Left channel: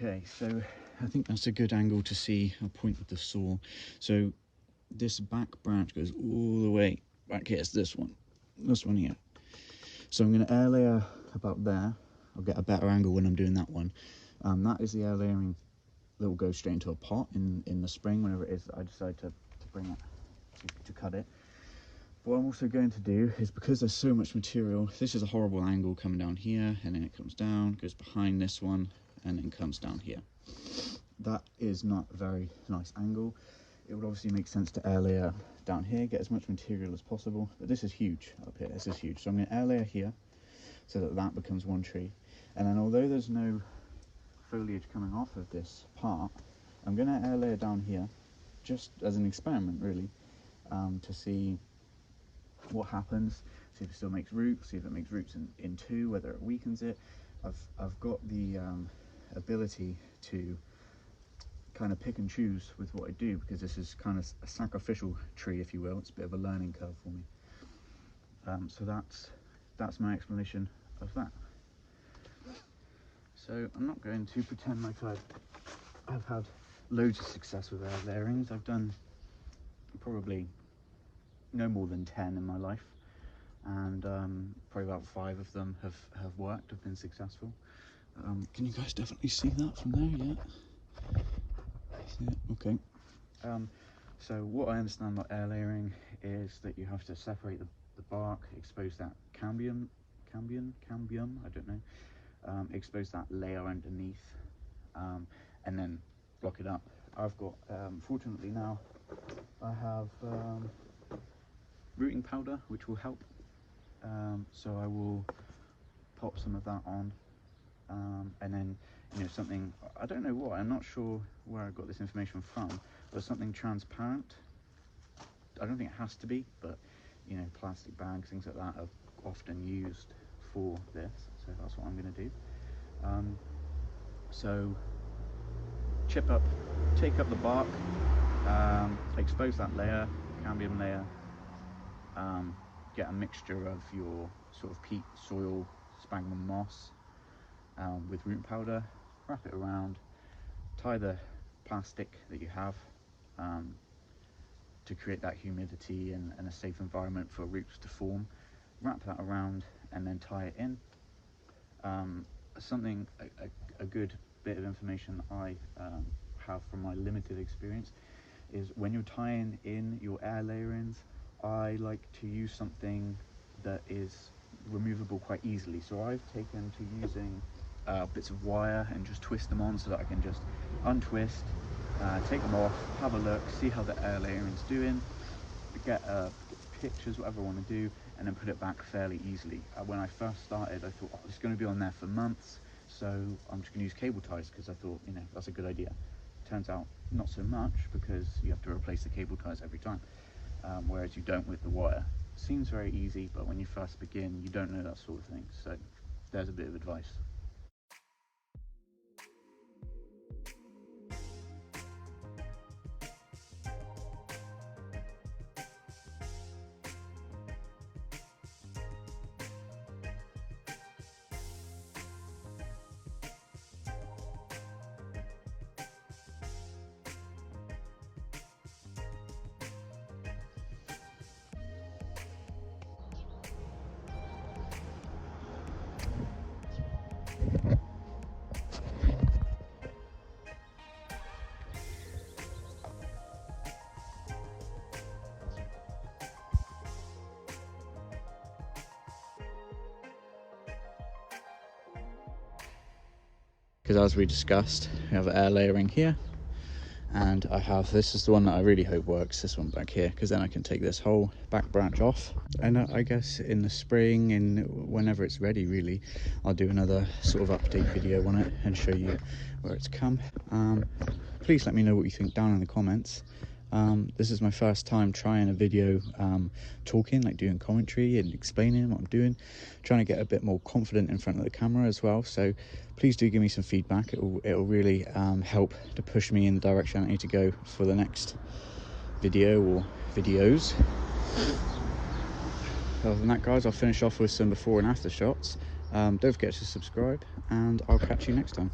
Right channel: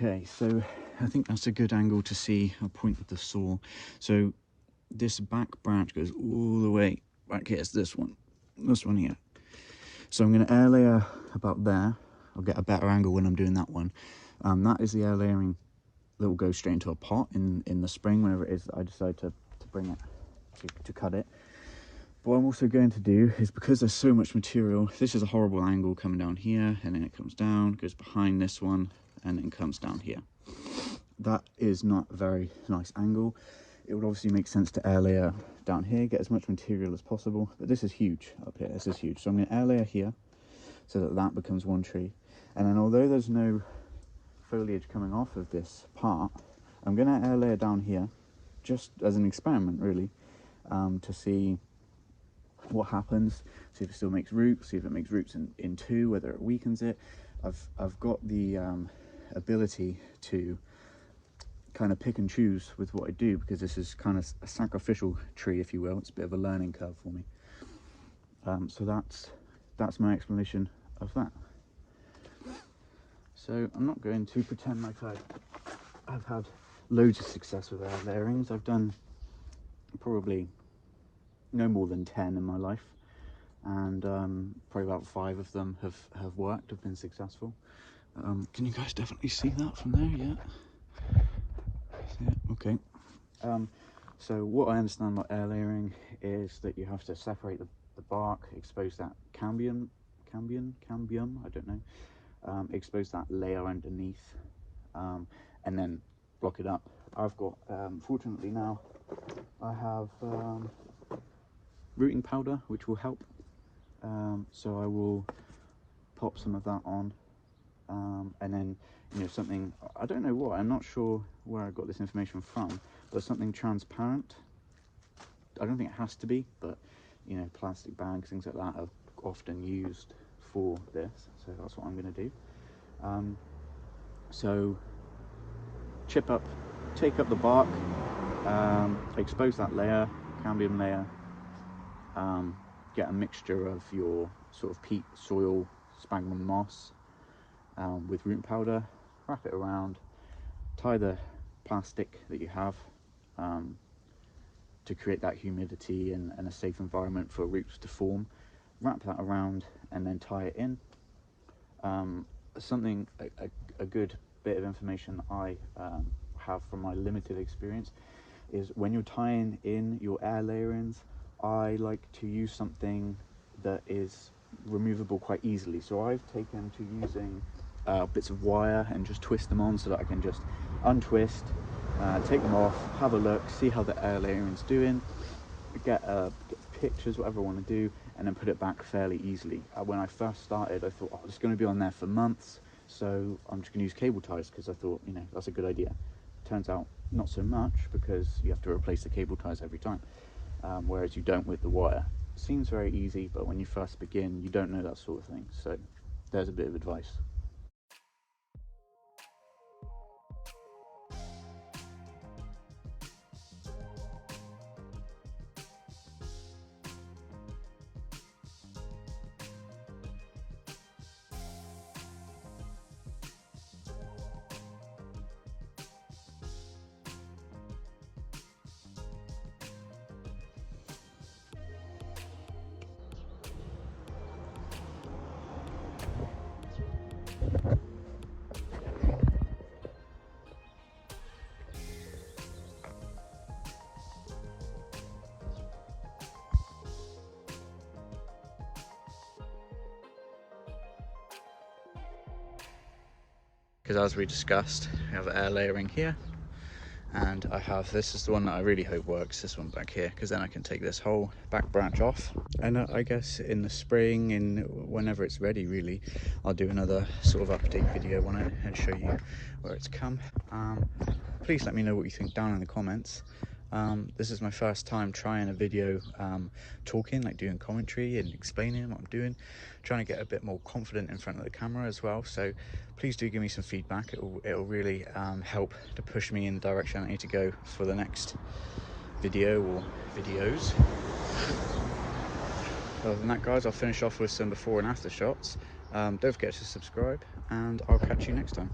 Okay, so I think that's a good angle to see. I'll point with the saw. So this back branch goes all the way back here. It's this one here. So I'm going to air layer about there. I'll get a better angle when I'm doing that one. That is the air layering that will go straight into a pot in the spring, whenever it is that I decide to bring it, to cut it. But what I'm also going to do is, because there's so much material, this is a horrible angle coming down here, and then it comes down, goes behind this one, and then comes down here. That is not a very nice angle. It would obviously make sense to air layer down here, get as much material as possible, but this is huge up here, this is huge. So I'm going to air layer here, so that that becomes one tree. And then although there's no foliage coming off of this part, I'm going to air layer down here, just as an experiment really, to see what happens, see if it still makes roots, see if it makes roots in two, whether it weakens it. I've got the ability to kind of pick and choose with what I do, because this is kind of a sacrificial tree, if you will. It's a bit of a learning curve for me. So that's my explanation of that. So I'm not going to pretend like I've had loads of success with air layerings. I've done probably no more than 10 in my life, and probably about 5 of them have worked, have been successful. Can you guys definitely see that from there? Yeah, okay. So what I understand about air layering is that you have to separate the bark, expose that cambium, I don't know, expose that layer underneath, and then block it up. I've got, fortunately now, I have rooting powder, which will help. So I will pop some of that on, and then, you know, something, I don't know what, I'm not sure where I got this information from, but something transparent. I don't think it has to be, but you know, plastic bags, things like that are often used for this, so that's what I'm going to do. So take up the bark, expose that layer, cambium layer, get a mixture of your sort of peat, soil, sphagnum moss with root powder, wrap it around, tie the plastic that you have to create that humidity and a safe environment for roots to form, wrap that around and then tie it in. A good bit of information I have from my limited experience is, when you're tying in your air layerings, I like to use something that is removable quite easily. So I've taken to using bits of wire and just twist them on, so that I can just untwist, take them off, have a look, see how the air layering's doing, get pictures, whatever I want to do, and then put it back fairly easily. When I first started, I thought, oh, it's going to be on there for months, so I'm just going to use cable ties, because I thought, you know, that's a good idea. Turns out not so much, because you have to replace the cable ties every time, whereas you don't with the wire. Seems very easy, but when you first begin, you don't know that sort of thing. So there's a bit of advice. Because as we discussed, we have air layering here, and I have, this is the one that I really hope works, this one back here, because then I can take this whole back branch off. And I guess in the spring, whenever it's ready really, I'll do another sort of update video on it and show you where it's come. Please let me know what you think down in the comments. This is my first time trying a video talking, like doing commentary and explaining what I'm doing, trying to get a bit more confident in front of the camera as well. So please do give me some feedback. It'll really help to push me in the direction I need to go for the next video or videos. Other than that, guys, I'll finish off with some before and after shots. Don't forget to subscribe, and I'll catch you next time.